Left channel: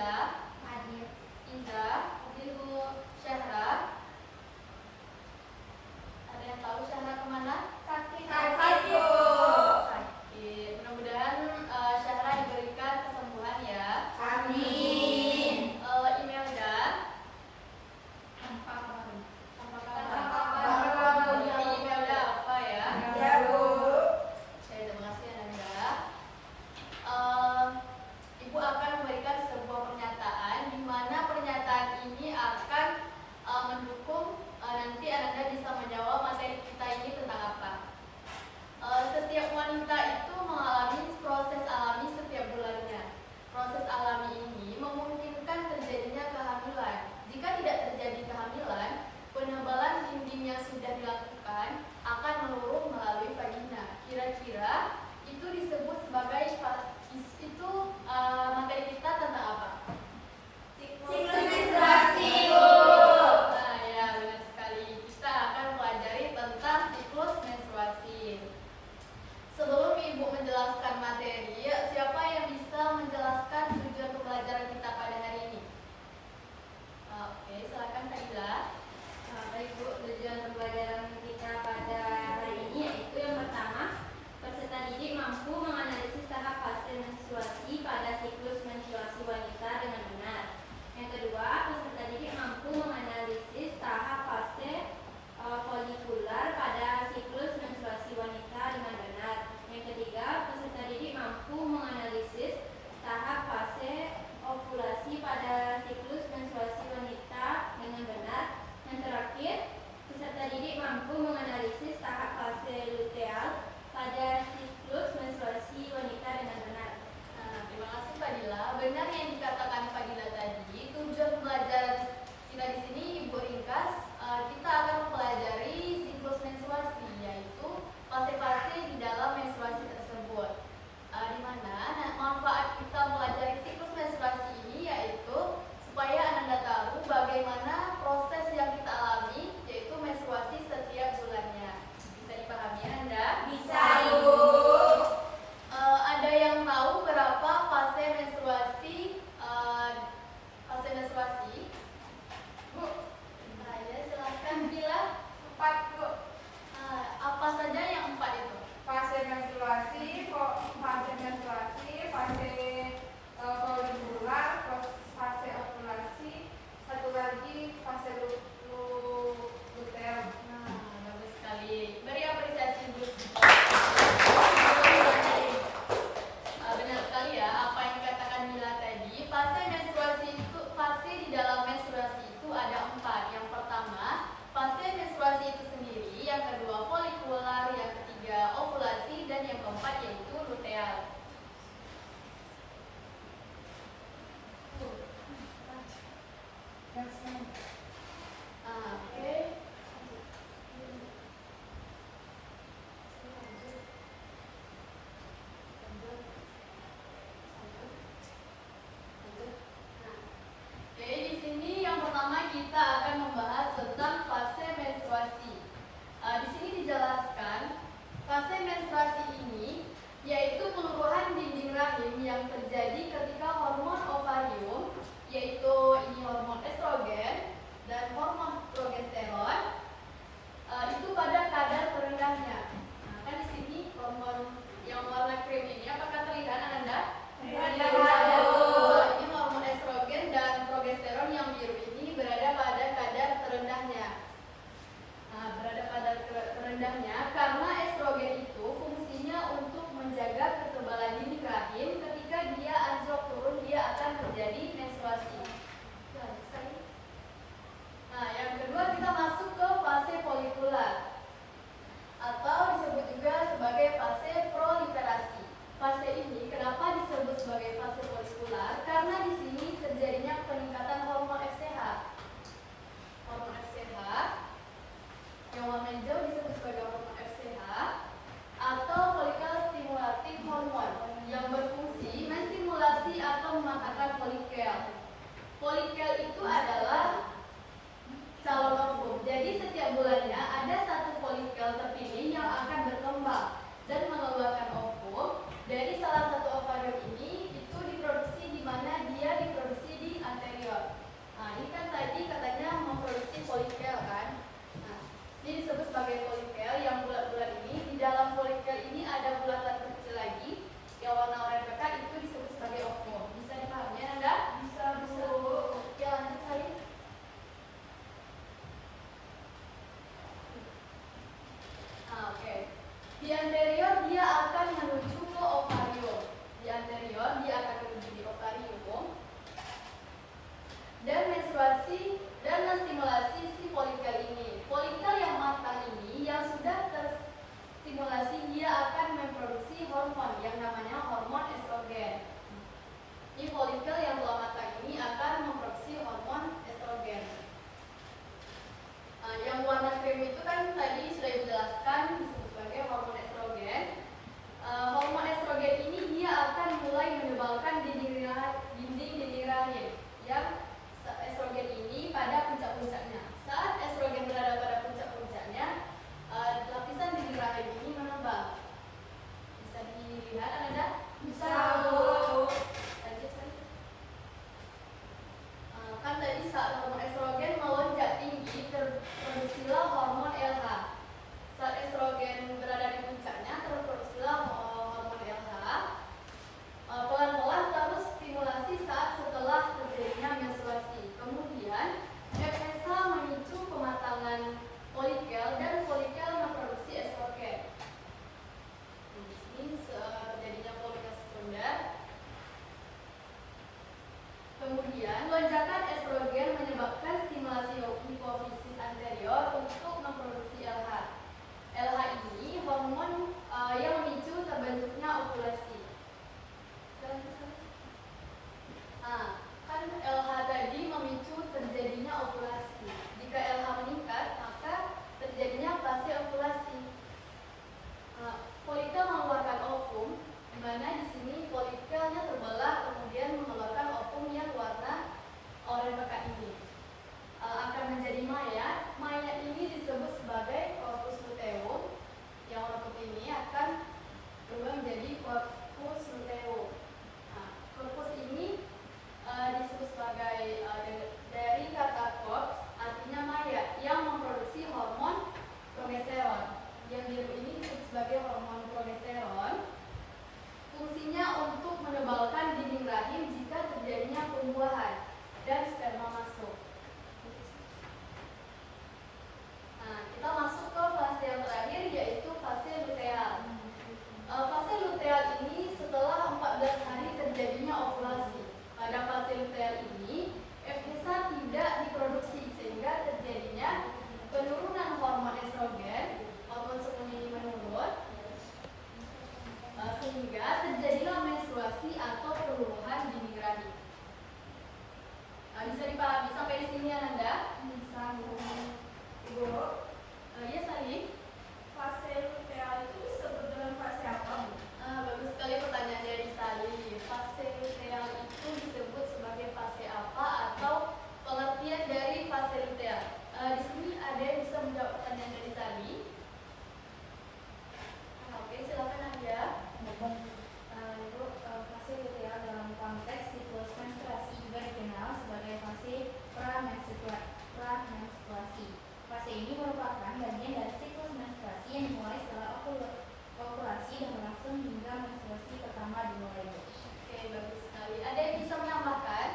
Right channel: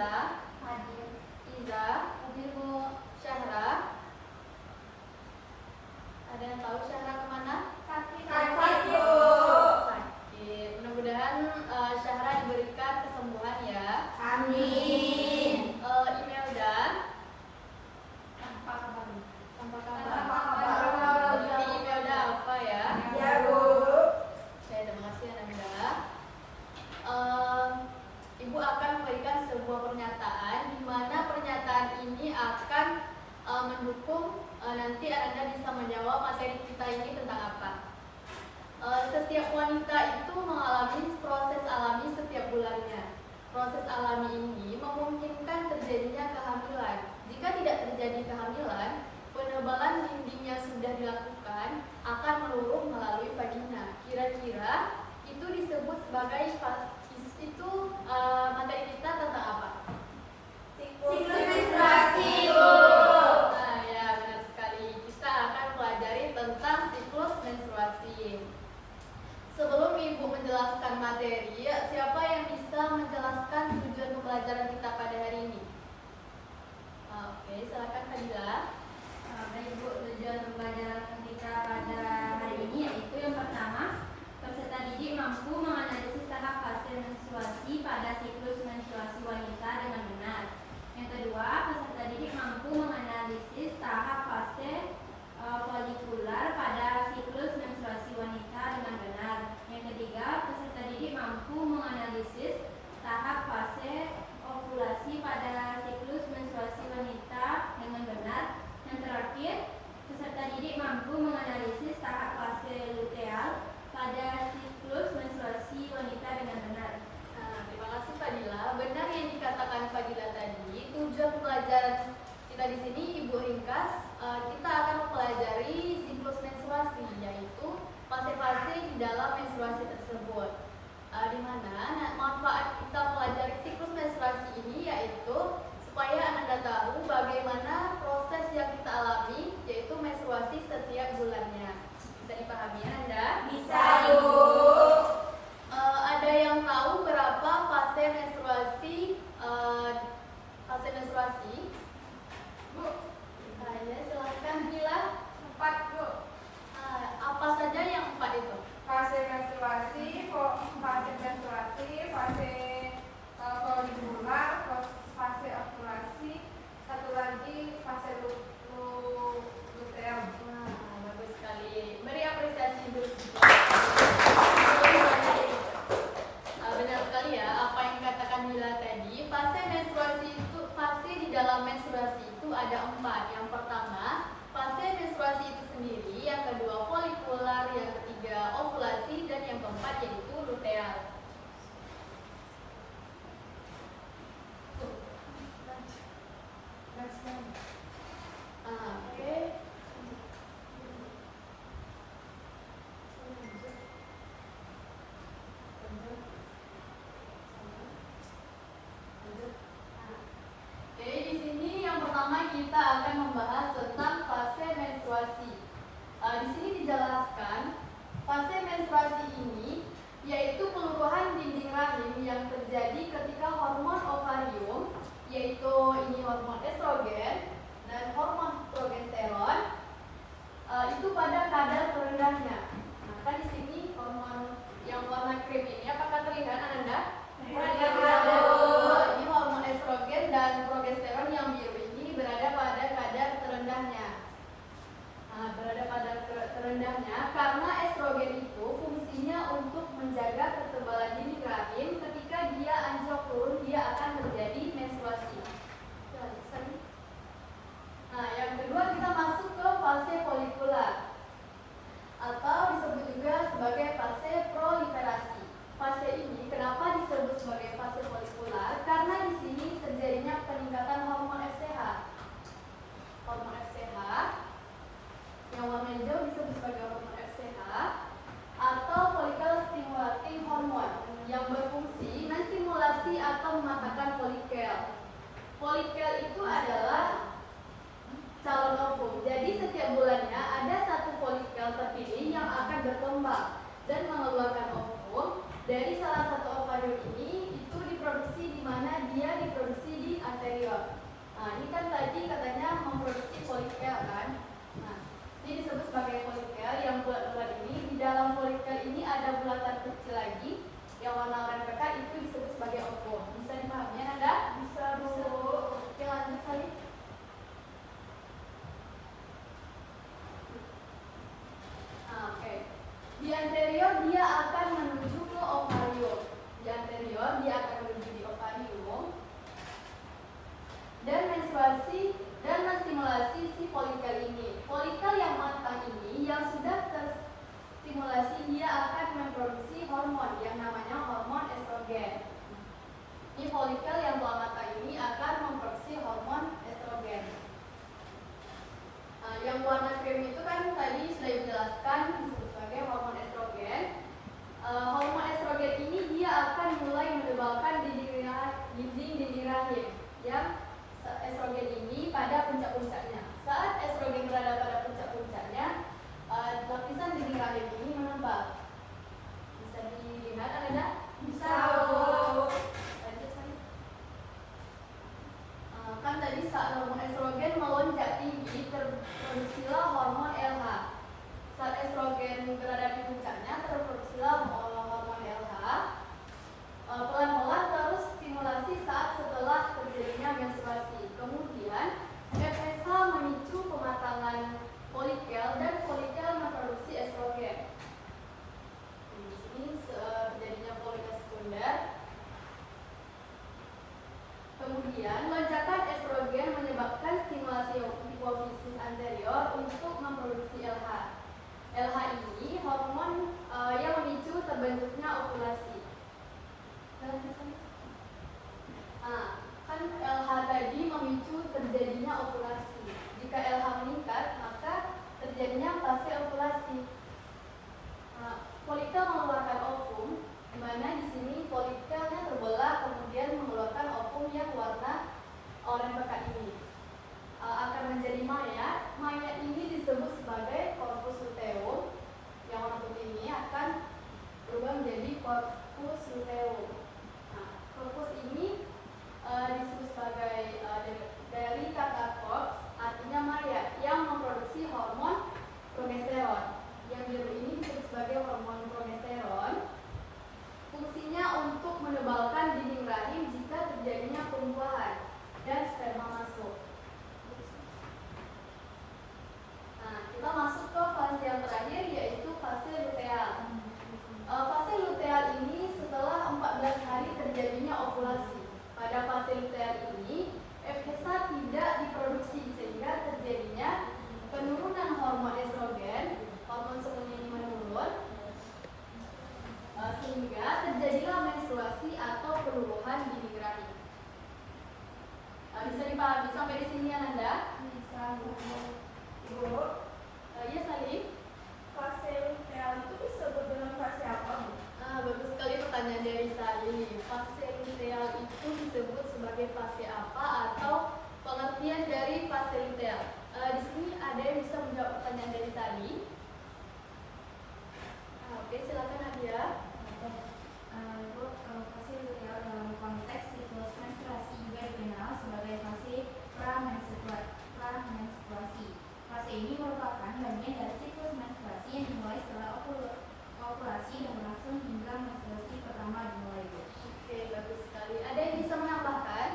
Fadila, Hadir. Iza, hadir Bu. Syahra, ada yang tahu Syahra kemana? Sakit. Sakit, Bu. Sakit. Mudah-mudahan Syahra diberikan kesembuhan ya. Amin. Imelda, Tanpa kabar. tanpa kabar. Tanpa kabar. Berarti Imelda apa ya? Ya, Bu. Saya terima kasih Ananda. Ibu akan memberikan sebuah pernyataan di mana pernyataan ini akan mendukung nanti Ananda bisa menjawab materi kita ini tentang apa. Setiap wanita itu mengalami proses alami setiap bulannya. Proses alami ini memungkinkan terjadinya kehamilan. Jika tidak terjadi kehamilan, penebalan dinding yang sudah dilakukan akan meluruh melalui vagina. Kira-kira itu disebut sebagai materi kita tentang apa? Siklus menstruasi, Bu. Nah ya benar sekali. Kita akan pelajari tentang siklus menstruasi. Sebelum Ibu menjelaskan materi, siapa yang bisa menjelaskan tujuan pembelajaran kita pada hari ini? Oke, silakan Fadila. Baik Bu, tujuan pembelajaran kita pada hari ini yaitu yang pertama, peserta didik mampu menganalisis tahap fase menstruasi pada siklus menstruasi wanita dengan benar. Yang kedua, peserta didik mampu menganalisis tahap fase folikular pada siklus menstruasi wanita dengan benar. Yang ketiga, peserta didik mampu menganalisis tahap fase ovulasi pada siklus menstruasi wanita dengan benar. Yang terakhir, peserta didik mampu menganalisis tahap fase luteal pada siklus menstruasi wanita dengan benar. Nah, terima kasih Fadila. Benar yang dikatakan Fadila tadi. Tujuan pembelajaran kita di sini Ibu ringkas. Kita akan mempelajari siklus menstruasi, yaitu fase-fase di dalam menstruasi tersebut. Di mana manfaat kita pelajari siklus menstruasi ini yaitu supaya Ananda tahu bagaimana proses yang kita alami, yaitu menstruasi setiap bulannya. Bisa dipahami Ananda? Bisa, Bu. Ada yang tahu berapa fase menstruasi? Bu, ya silahkan Bila. 4, Bu. Apa saja yang 4 itu? Fase menstruasi, fase folikular, fase ovulasi, satu lagi fase luteal. Bagus sekali. Beri apresiasi dulu. Benar sekali ya apa yang dikatakan Mila tadi. Fase menstruasi itu, fase di dalam menstruasi itu ada 4. Yang pertama, fase menstruasi itu sendiri. Yang kedua, folikular. Yang ketiga, ovulasi. Dan yang keempat yaitu luteal. Oke. Oke, di sini yang pertama kita akan membahas tentang fase menstruasi. Di sini dijelaskan fase menstruasi ini yaitu peluruhan dinding rahim yang terjadi ketika hormon ovarium, yaitu ini hormon estrogen dan hormon progesteron itu pada kadar terendahnya. Nah, kan di sini hormon yang warna krem ini apakah terlihat Ananda? Ini hormon estrogen dan progesteron yang biru ini berada pada kadar terendahnya. Nah, berada pada terendahnya karena estrogen itu fungsinya untuk menjaga ketebalan dinding rahim. Ketika dia anjlok turun, dia akan terjadi menstruasi. Nah, yang kedua kita masuk ke fase folikular atau disebut juga sebagai fase proliferasi. Fase ini kenapa disebut sebagai fase folikular? Karena di sini terjadinya peningkatan hormon FSH. Hormon FSH yang warna hijau disebut sebagai hormon FSH Ini kan tadi katanya memproduksi folikel kan. Nah, ini disebut sebagai folikel. Yang bulat-bulat ini, di dalam folikel ini ada bulatan kecil lagi yang warna oranye pekat, itu disebut sebagai ovum. Bisa dipahami Anda? Bisa Bu. Oke, lanjut tadi. Oke. Di anterior dia akan menuju ke ovarium. Di anterior dia akan menuju di ovarium dan menstruasi dan menstimulasi si folikel ini. Folikel yang matang ini yang sudah terstimulasi dia akan memproduksi hormon yang namanya hormon estrogen. Ini folikel yang telah matang ini akan memproduksi hormon estrogen. Yang warna krem itu kan tadi sudah dijelaskan disebut sebagai hormon estrogen. Hormon estrogen ini dia akan mulai menebalkan dinding rahim yang estrogen ini pada puncak-puncaknya. Saat estrogen berada pada puncak-puncaknya, lapisan dinding rahim ini menebal. Bisa dilihat Anda? Bisa. Kan tadi saat hormon estrogen melonjak tinggi, terproduksilah hormon LH. Saat estrogen berada di puncaknya, terproduksilah hormon LH. Pelan-pelan terus stimulasi saat setelah terjadinya menstruasi. Kemudian FSH memicu pematangan folikel dan folikel memproduksi estrogen. Di sini terjadinya folikel sekunder. Kemudian lonjakan estrogen menyebabkan stimulasi hipofisis anterior untuk memproduksi LH. LH ini hormon yang memicu terbentuknya ovulasi. Kan LH tadi memicu terjadinya ovulasi. Jika LH meningkat, maka terjadinya fase ovulasi. Folikel mengeluarkan ovum, di mana di sini folikelnya terbelah kemudian mengeluarkan ovum yang warna oranye pekat ini. Akan menjadi mayat. Mayat ini disebut sebagai corpus luteum. Yang warna putih ini akan berubah menjadi corpus luteum. Corpus ini disebut sebagai dari kata corpus, artinya mayat yang memproduksi hormon progesteron. Yang biru ini disebut sebagai hormon progesteron. Fungsinya untuk menebalkan dinding rahim jika terjadinya pembuahan dan sperma masuk. Kita masuk ke fase yang terakhir, yaitu fase luteal. Fase luteal ini setelah 14 hari terjadinya ovulasi. Pada fase luteal ini, FSH tidak diproduksi sehingga terjadinya penurunan hormon estrogen, hormon sekunder ini menurun, sehingga terjadilah menstruasi atau peluluhan dinding rahim. Bisa dipahami sampai di sini Anda? Bisa Ibu. Iya Salim. Fase luteal itu disebut dengan fase apa, Bu? Bagus sekali pertanyaan dari Salim. Fase luteal itu disebut sebagai fase apa atau pengertian dari fase luteal. Di sini ada yang bisa menjawab pertanyaan dari Salim. Oke, silakan Nadia. Bu, fase luteal dalam konteks siklus menstruasi juga dikenal sebagai fase pra-menstruasi. Fase ini merupakan bagian dari siklus menstruasi yang dimulai setelah ovulasi dan berlangsung hingga menstruasi pertama dimulai. Oke, bagus sekali. Ada yang bisa menambahkan?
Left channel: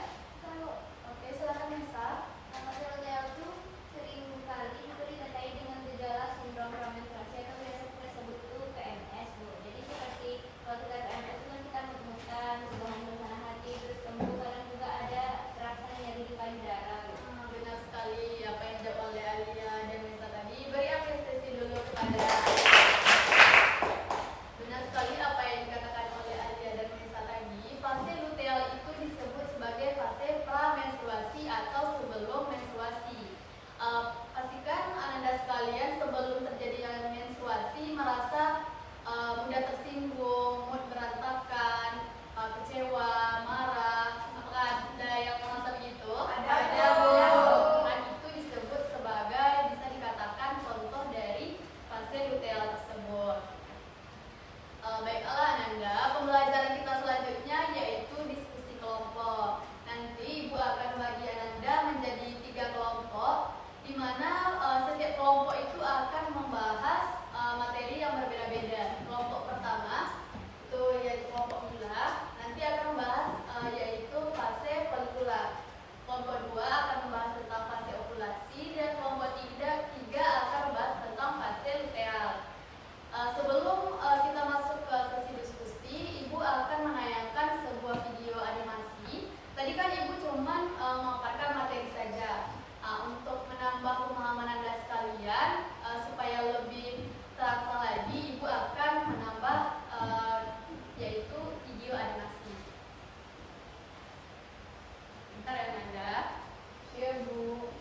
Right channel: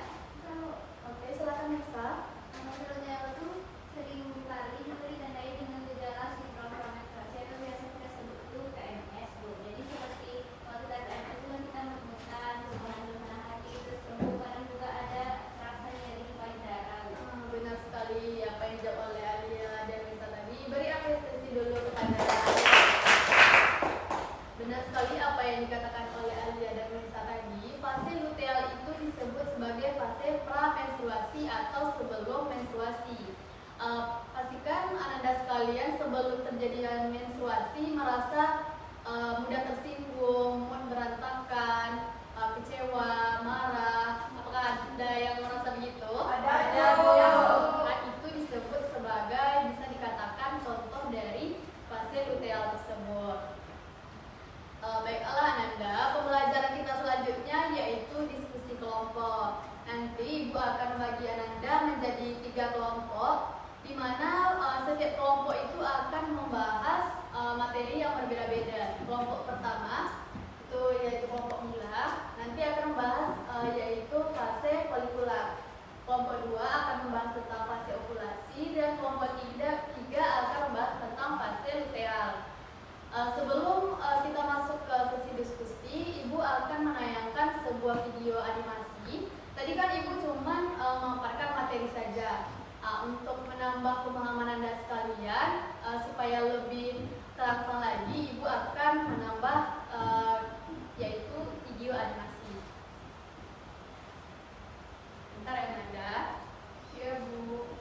Oke, silakan Nisa. Fase luteal itu sering kali ditandai dengan gejala sindrom pra-menstruasi atau biasa kita sebut itu PMS, Bu. Jadi seperti kalau kita PMS itu kan kita menemukan hubungan hati terus sembuh, kadang juga ada rasa nyeri di payudara. Benar sekali apa yang dijawab oleh Alia dan Nisa tadi. Beri apresiasi dulu kepada. Benar sekali apa yang dikatakan oleh Alia dan Nisa tadi. Fase luteal itu disebut sebagai fase pra-menstruasi atau sebelum menstruasi. Pastikan Ananda sekalian sebelum terjadinya menstruasi merasa mudah tersinggung, mood berantakan, kecewa, marah. Apakah ada yang merasa begitu? Ada. Nah, itu disebut sebagai, bisa dikatakan contoh dari fase luteal tersebut. Baiklah Ananda, pembelajaran kita selanjutnya yaitu diskusi kelompok. Nanti Ibu akan bagi Ananda menjadi 3 kelompok, di mana setiap kelompok itu akan membahas materi yang berbeda-beda. Kelompok pertama itu yaitu kelompok mila, nanti akan membahas yaitu fase folikular. Kelompok 2 akan membahas tentang fase ovulasi, dan kelompok 3 akan membahas tentang fase luteal. Sebelum kita masuk ke sesi diskusi, Ibu akan menayangkan sebuah video animasi. Tadi kan Ibu cuma memaparkan materi saja. Untuk menambah pemahaman Anda sekalian, supaya lebih terasa lagi, Ibu akan menambah yaitu video animasi. Bentar ya Nanda. Ya, Bu.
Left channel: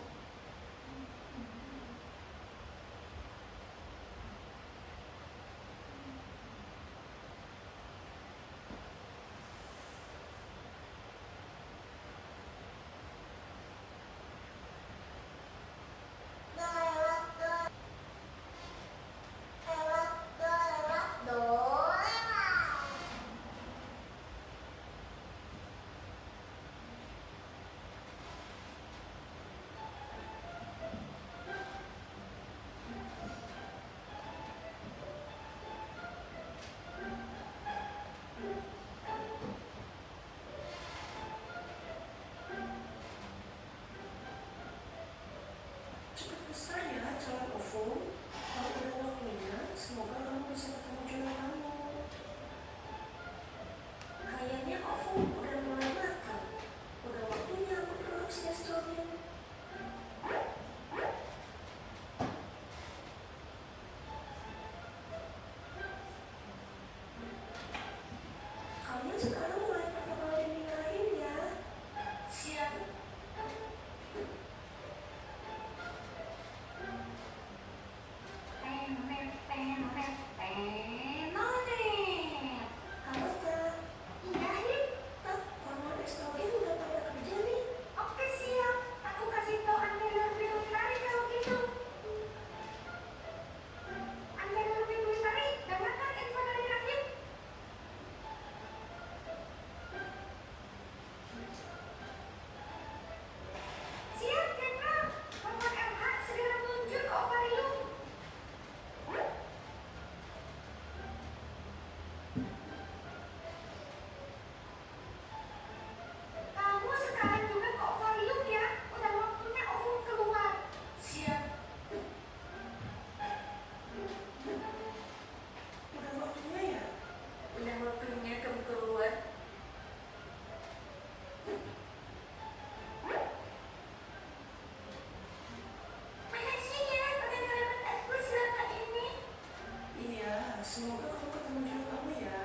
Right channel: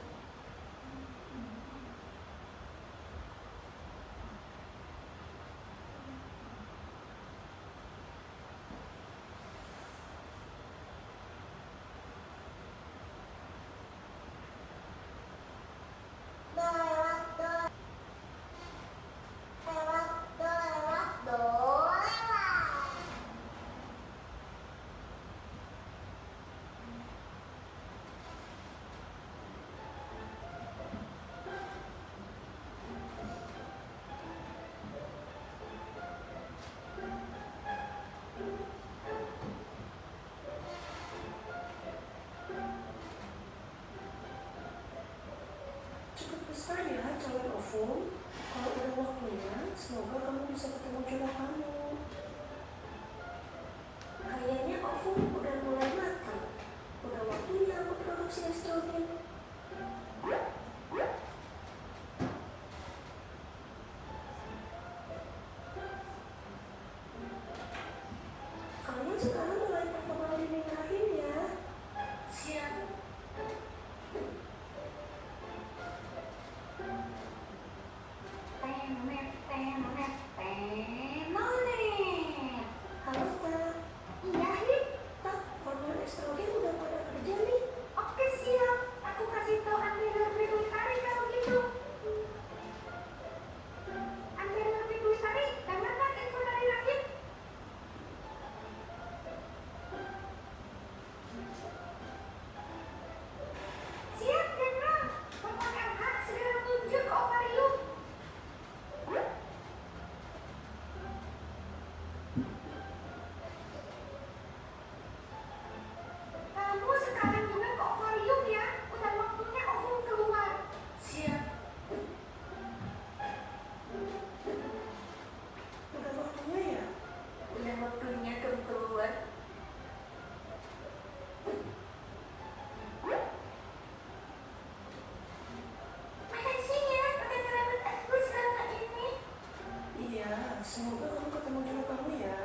Cepat besar ya calon ovum. Kalau udah waktunya, semoga kamu bisa ketemu jodoh kamu. Kayaknya ovum udah mulai matang. Udah waktunya aku produksi estrogen. Kalian sekarang mulai pertemuan dinikahin ya. Siap. Halo Kak. Iya, Hip. Tak, hormon estrogen udah pada kerja nih. Oke, siap. Aku kasih tahu Anda lebih dulu tarik kalau gitu. Anda lebih dulu tarik, dengarkan info dari Rahim. Siap, Jenderal. Hormon RH segera meluncur ke ovarium. Kamu sekarang juga ke ovarium ya. Udah waktunya ovum keluar. Siap. Udah waktunya ya? Udah waktunya kamu keluar. Makasih ya udah ngerawat aku selama ini. Iya, semoga kamu ketemu jodoh kamu ya.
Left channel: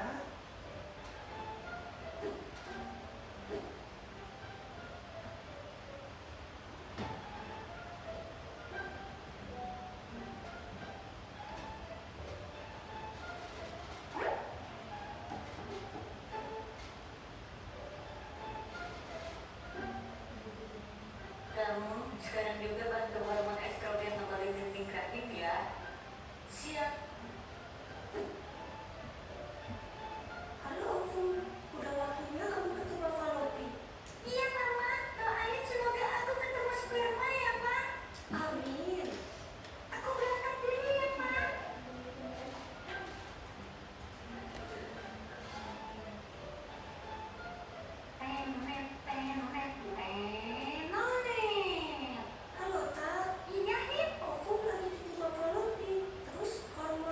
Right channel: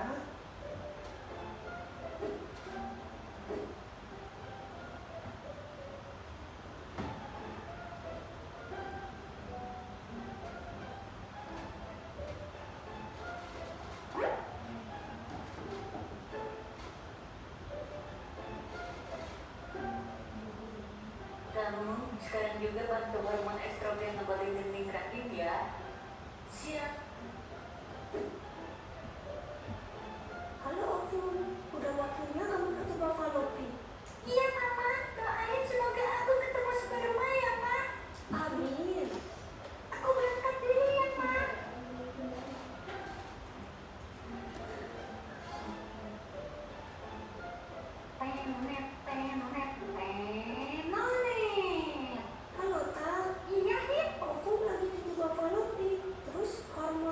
Kamu sekarang juga bantu hormon estrogen ngebalin dinding rahim ya. Siap. Halo ovum, udah waktunya kamu ketemu Falopi. Iya mama, doain semoga aku ketemu sperma ya ma. Amin. Aku berangkat dulu ya ma. Halo Tak, Iya Hip. ovum lagi ketemu Falopi. Terus hormon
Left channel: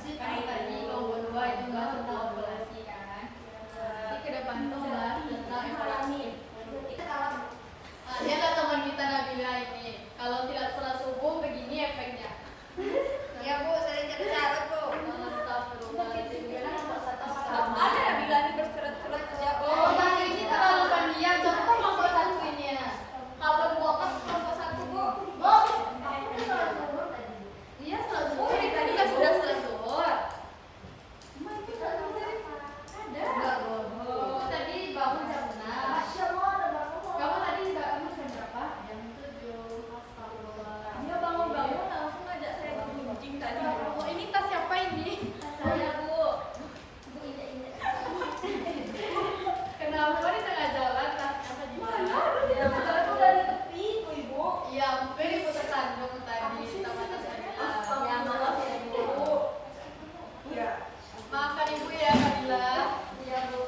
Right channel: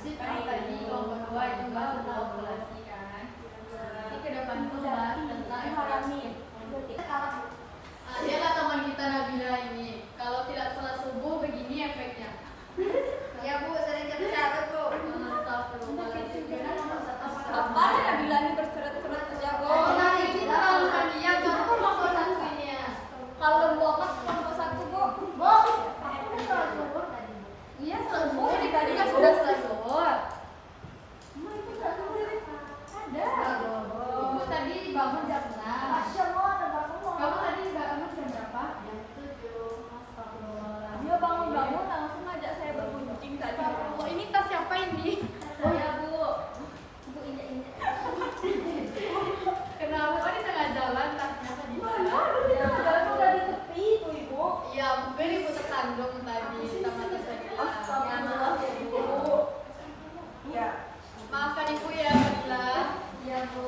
sih tadi kelompok 2 itu bahas tentang ovulasi kan. Ini ke depan tuh bahas tentang harami. Lihatlah teman kita Nabila ini. Kalau tidak sholat subuh begini efeknya. Ya Bu, sering catat Bu. Ada Nabila ini bersurat-surat ya Bu. Oh, nah ini terlalu panjang. Coba kelompok 1 ini ya. Kalau kelompok 1 Bu. Dia sholat zuhur, tadi kan sudah sholat zuhur. Ada. Oh, tadi bangun jam 6. Kamu tadi nggak bangun jam berapa? Jam 7. Astagfirullah. Dia bangun-bangun langsung ngajak saya bergunjing tadi. Oh, ini tas siapa ini? Saya Bu. Bu injak-injak. Kenapa di tengah jalan tasnya apa di mana? Aduh, di tengah jalan udah di tepi tuh Ibu. Iya, aku beli ibu terkandung tadi sama tas Nabila. Ya maaf ya Ibu. Ya. Maafkan ibu ya, Nabila. Iya Bu.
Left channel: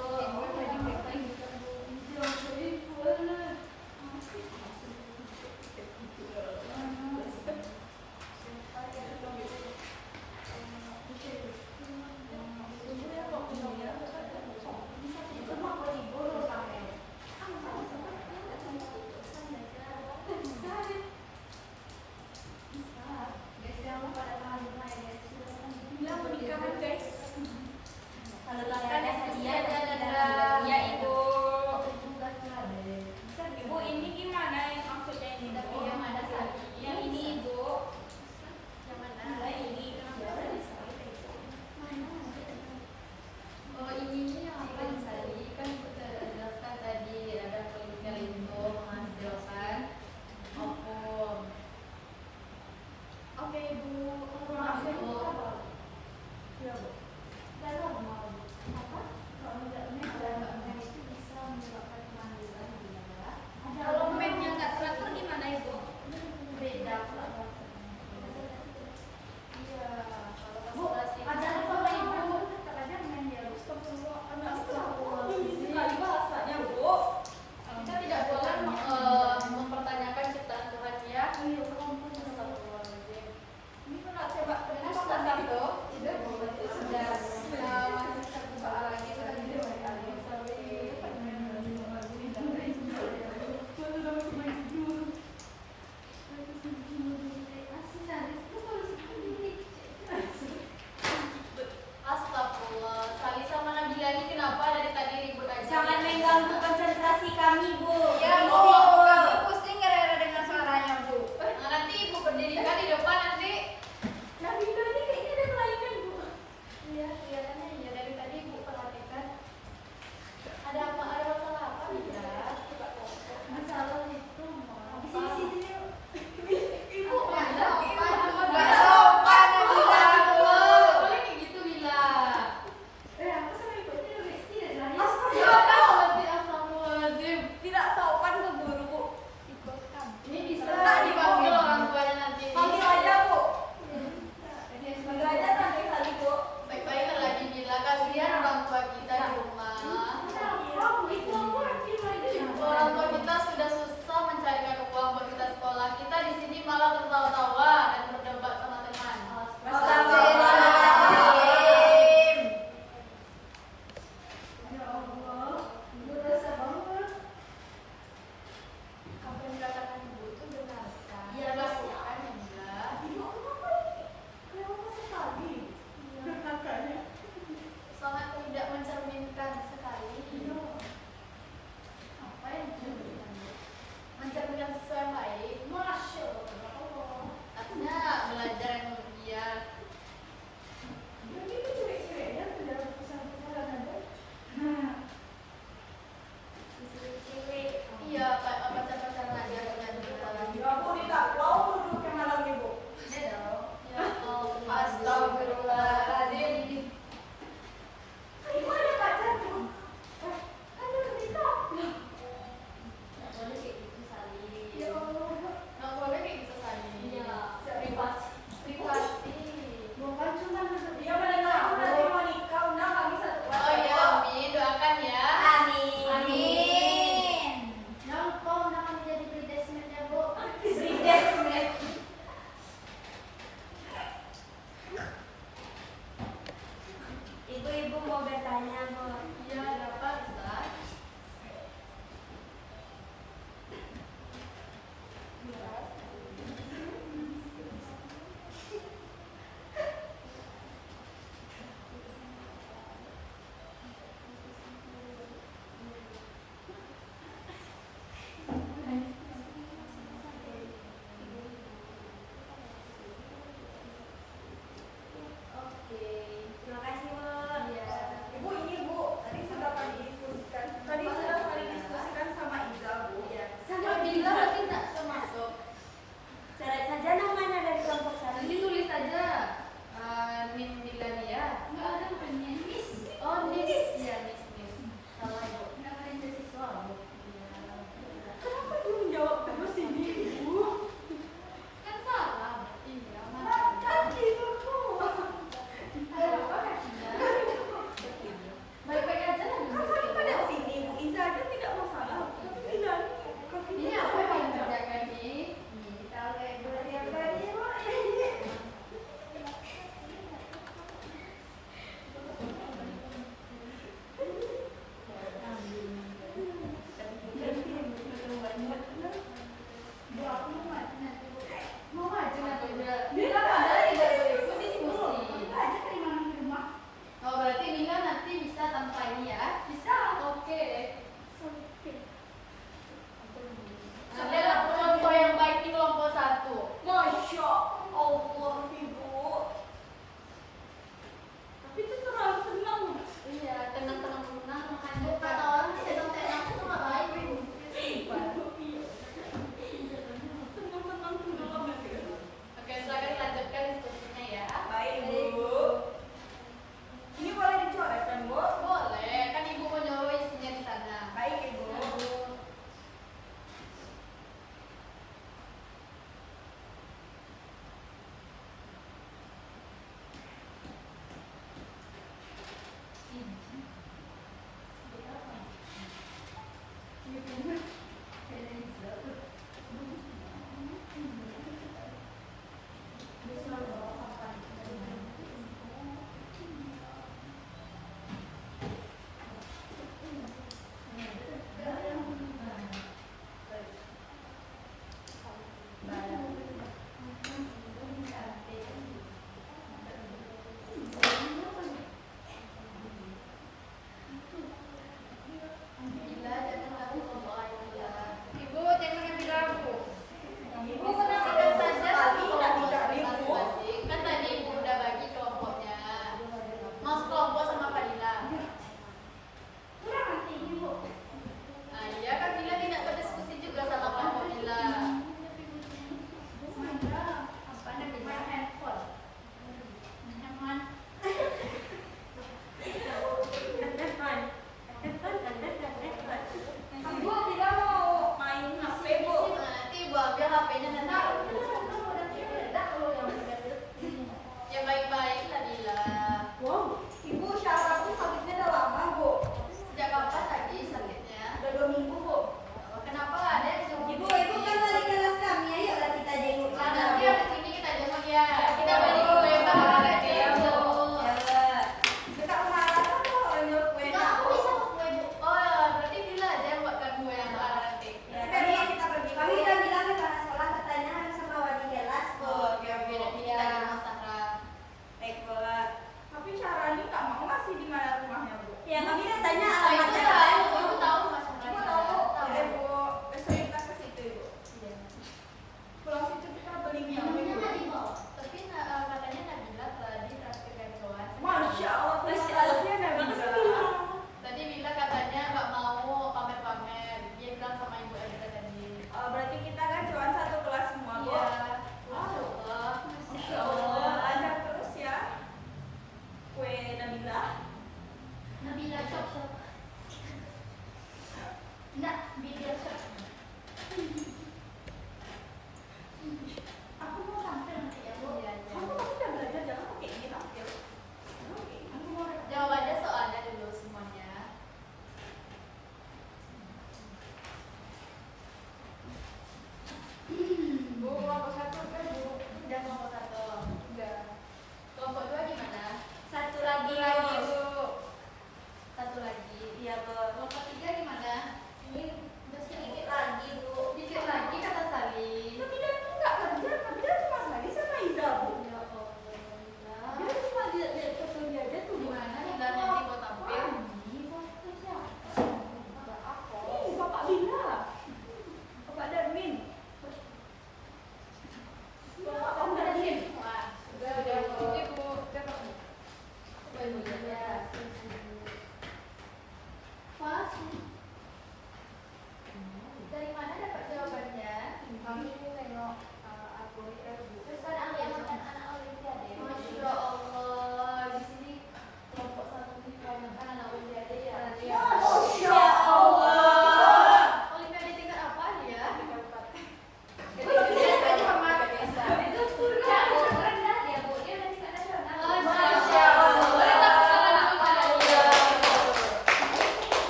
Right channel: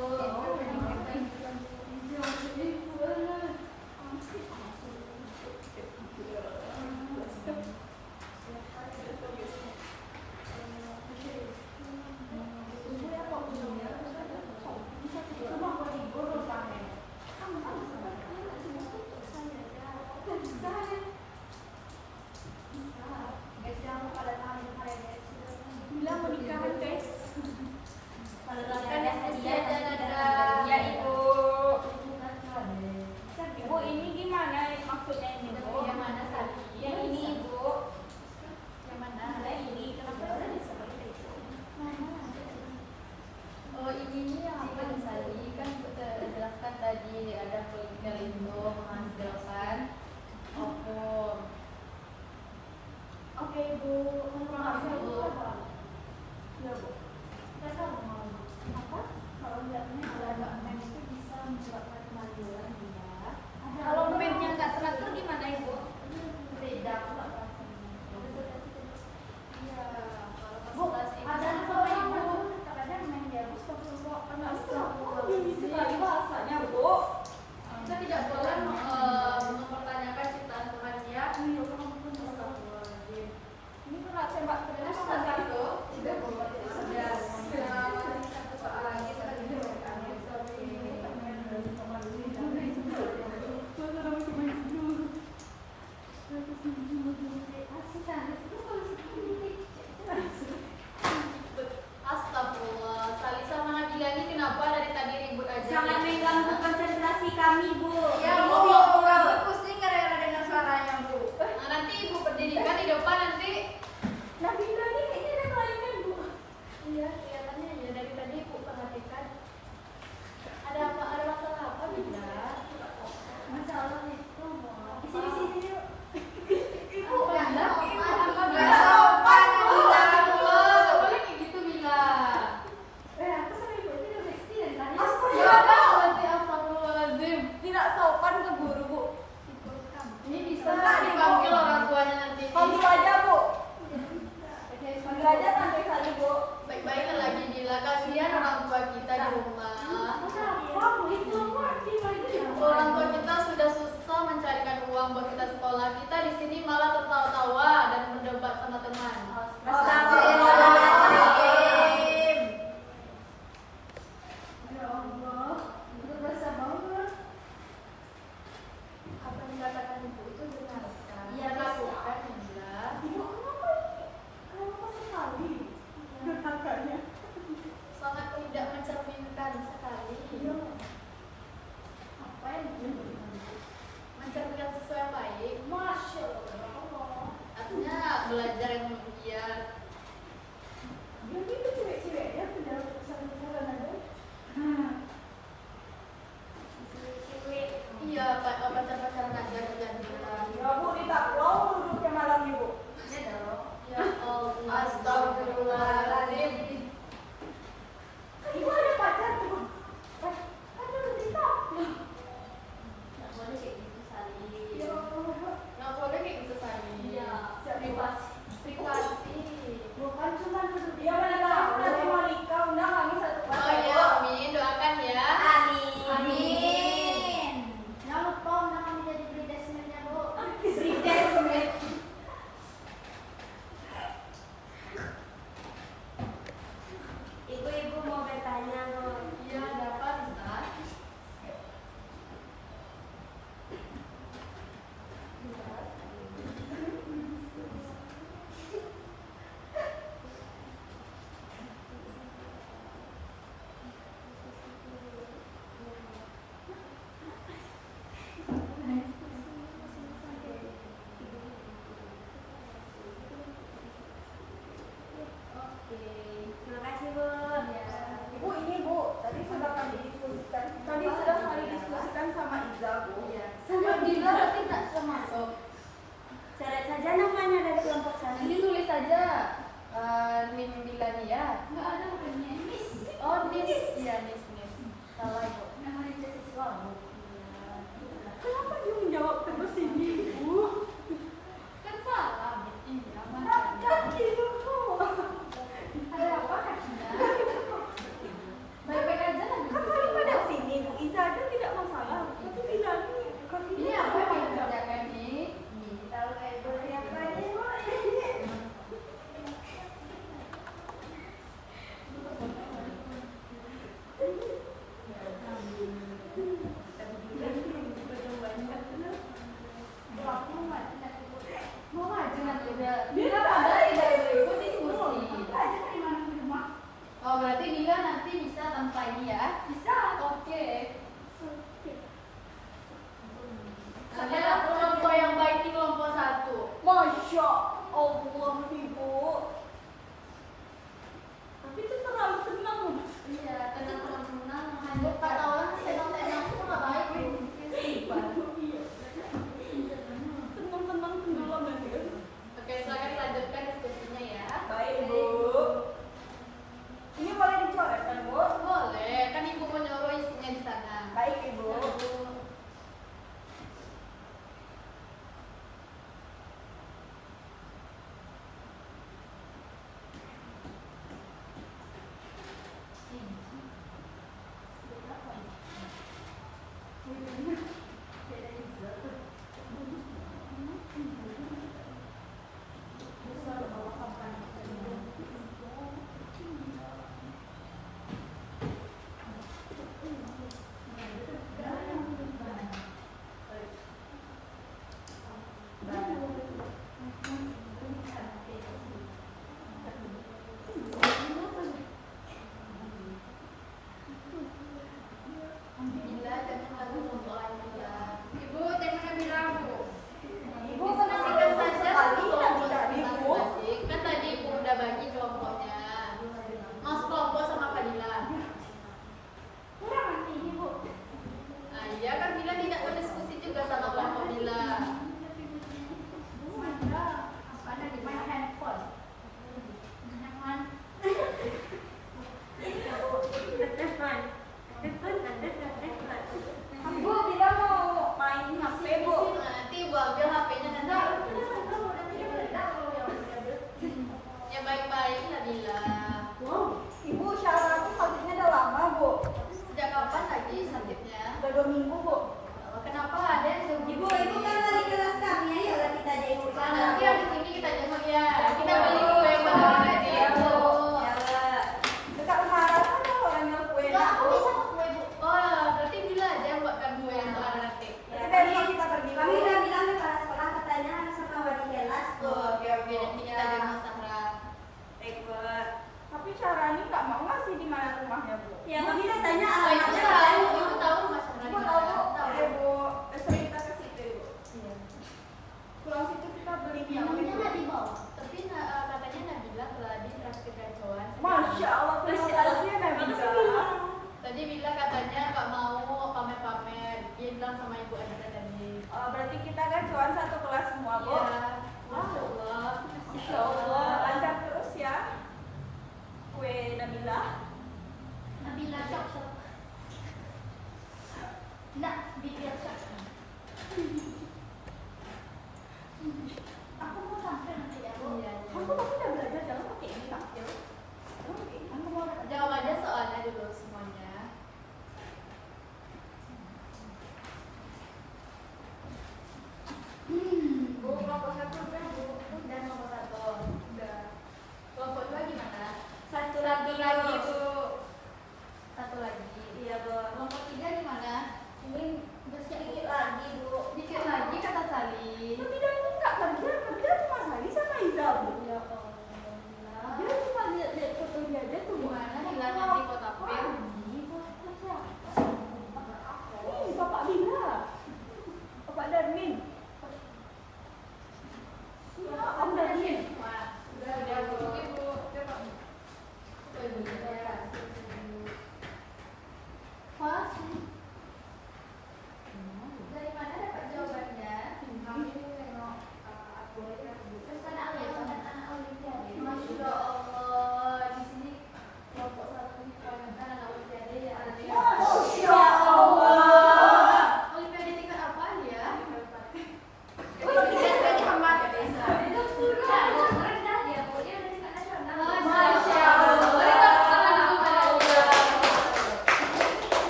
Bilang mau nikahan guys. Kalau Kan diskusi aja, Nada. Ya Ibu. Ibu ini gimana yang maksudnya ini? Yang mana tadi? Yang ini Ibu. Yang mana? Nah ini kenapa ada seperti itu? Oh, ini nih yang apa nih tadi? Kan kita jelaskan tadi ada folikel itu menghasilkan ovum. Oke Ibu. Maaf, Bu. Ya Bu. Karena mau Apa? kalau nggak itu bisa menyebabkan kemajuan bila Kalau memnya nggak teratur gimana Ibu? beda iya kalau konsultasi Ada sama Ibu. Katanya main dia harus ini sekali bahasanya Bu. kita tidak boleh mempertanyakan ciptaan Tuhan ya. Ini pernah tembak penjelasan itu. Tidak boleh. Astagfirullah, Sali sama Nabila ini kenapa dari tadi ribut aja? Jangan mengganggu konsentrasi kami Bu. Ya Bu, Berisik, kami pusing gara-gara dengar suaranya Bu. Nah, nanti ibu berdirikan di depan nanti. Nabila ini kayaknya ada kelainan Bu. Iya, kelihatannya ya dari tadi ibu perhatikan. Ada apa? Ada masalah apa Nabila? Masalah itu sini. Ibu, Bila? Apa Nggak Bila? sopan Nabila Bu. Boleh kayak gitu Bila. Aku sama Ibu ini udah bersih dari tadi. Astagfirullahaladzim. Tidak sopan ke guru Bu. Ini bisa Enggak, dipanggil Ibu. orang tuanya nanti. Panggil aja Bu. Panggil aja nanti kali Bu. Baik-baik lagi Bila, kasihan orang tua kita di rumah. Orang tua kita sudah susah mencarikan uang buat kita sekolah. Kita di sini malah tertawa-tawa dan berdebat sama teman. Astagfirullahaladzim. Ya Allah, Ibu rasa banget. Apa yang dikatakan ibu itu benar? Iya, lakukan Bila. Ibu kenapa ini? Kenapa sekali? Kakaknya. Sangat tidak mencerminkan sekali. Apa yang diberikan? Mencerminkan sesuatu yang baik. Masya Allah. Artinya belajar yang ya, Bu. Iya, ada apa bisa? Oke, terima kasih, Bu. Ibu ini Bu, tadi sudah kami diskusikan. Tadi sudah kami diskusikan sama Iza Bu. Sama Bila berarti tak bisa masuk. Coret saja namanya dari kelompok saya. Nanti tulis saja Nin Dilania. Nggak ada namanya. Miss. Oh, Nis. Iya, Nis. Salah Ibu. Nama itu siswa, Bu. Kenapa dia menjawab terus ini Bu? Kan salah. Iya, Kan makanya. tidurku. Ada apa kakinya? Baik-baik aja lah. Kan saya pada sini Bu Iza aja tidak masalah. Tapi Bila ini Ini apa yang mau dikerjakan nih? tahu kayak Bu siapa ini Bu? Mau maju nanti udah. Bila padahal tidak berikut diskusi. Oh, berarti Bila nanti bisa tanpa ini ya? Bisa. Oke. Adalah kelompok yang baik di kelompok 1. Masya Allah Ibu. Tapi itu terlalu tenang Bu. Iya, tenang-tenang hanya kata orang tenang-tenang itu nggak baik. Tenang-tenang tenggelam ya. Oke, silakan lanjutkan diskusinya ya. Baik Bu. Ini boleh dicoret kan Bu? Boleh, kan ibu menyuruh isinya di sana.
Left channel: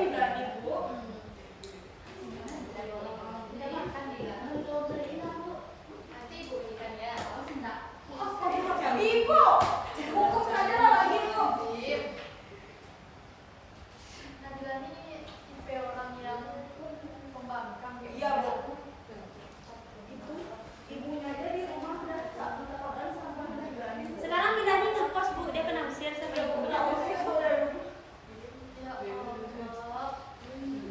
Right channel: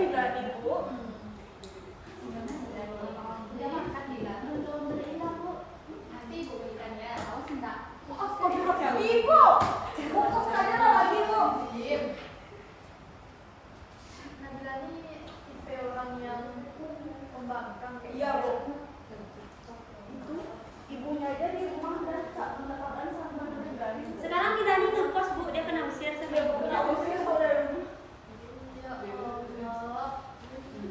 Bila ibu. Udah makan Bila? Belum beli lah Bu. Nanti Ibu belikan ya. Oh sudah. Ibu, bungkus saja lah lagi bu. Nabila ini tipe orang yang pembangkang kayak Iya gitu. bu. Itu ibunya aja di rumah dan tak menetapkan sama Nabila ini. Sekarang kita ini ngekos Bu, dia kena usir sampai punya Aku sih saudara. Ya Allah.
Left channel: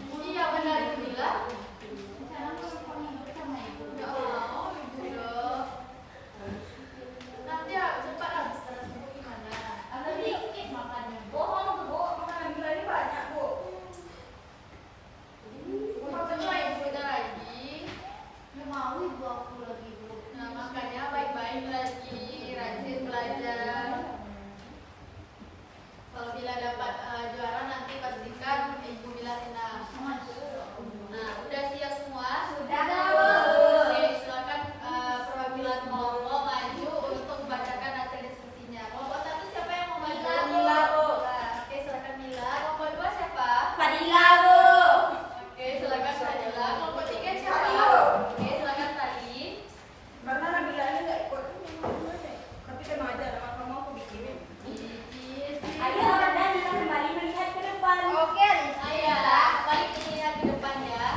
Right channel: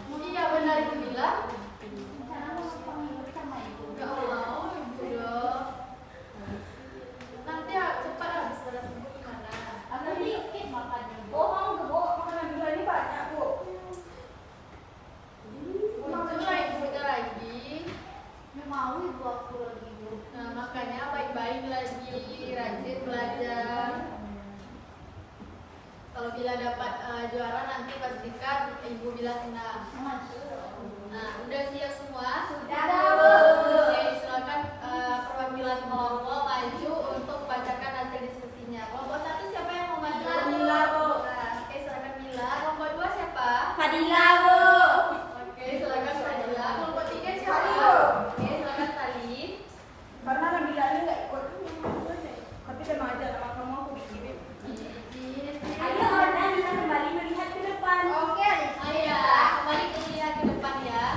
Iya benar Ibu Bila. Nggak mau Ibu dong. Nanti cepat habis setelah sembuh gimana? Atau dikit makannya. Oh mau ke bu, makanan Nabila ini banyak bu. Untung lah Ibunya lagi. Nggak mau Ibu aku lagi Bu. Nah makanya baik-baik lagi, rajin belajar. Kalau Bila dapat juara nanti pastikan Ibu Bila senang. Nah udah siap semua? Sudah, Bu. Oke, silakan perwakilan kelompok maju untuk membacakan hasil diskusinya. Kelompok 1 siapa yang mau maju? Bila, Bu. Nah, oke silakan Bila. Kelompok 2 siapa? Fadila Bu. Oke silakan Fadila. Kelompok 3 siapa? Salim. Oke silakan Salim. Karena Nabila ini nggak ikut. Tapi tenang aja, nama kamu aku bikinin. Ayo, dan kita kembali melihat ke depan. Oke, ayo kembali melihat ke depan ya.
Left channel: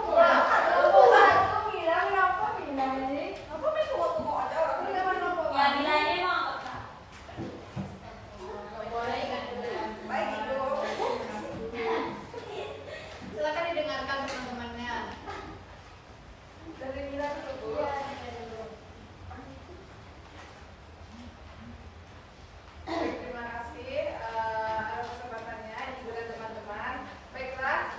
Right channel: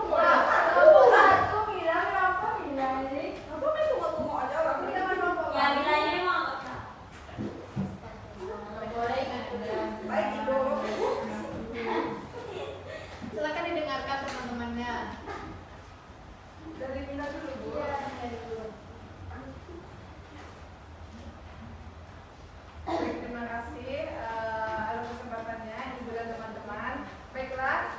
Aku bilang kenapa Bila ini? Aku main tunggu-tunggu aja. Aku jangan lupa. Ya, Bila ini emang Boleh kan? Baik ibu. Silakan didengarkan teman-temannya. Dari Bila dulu bu. Baik, terima kasih atas kesempatannya ibu dan teman-teman. Baiklah,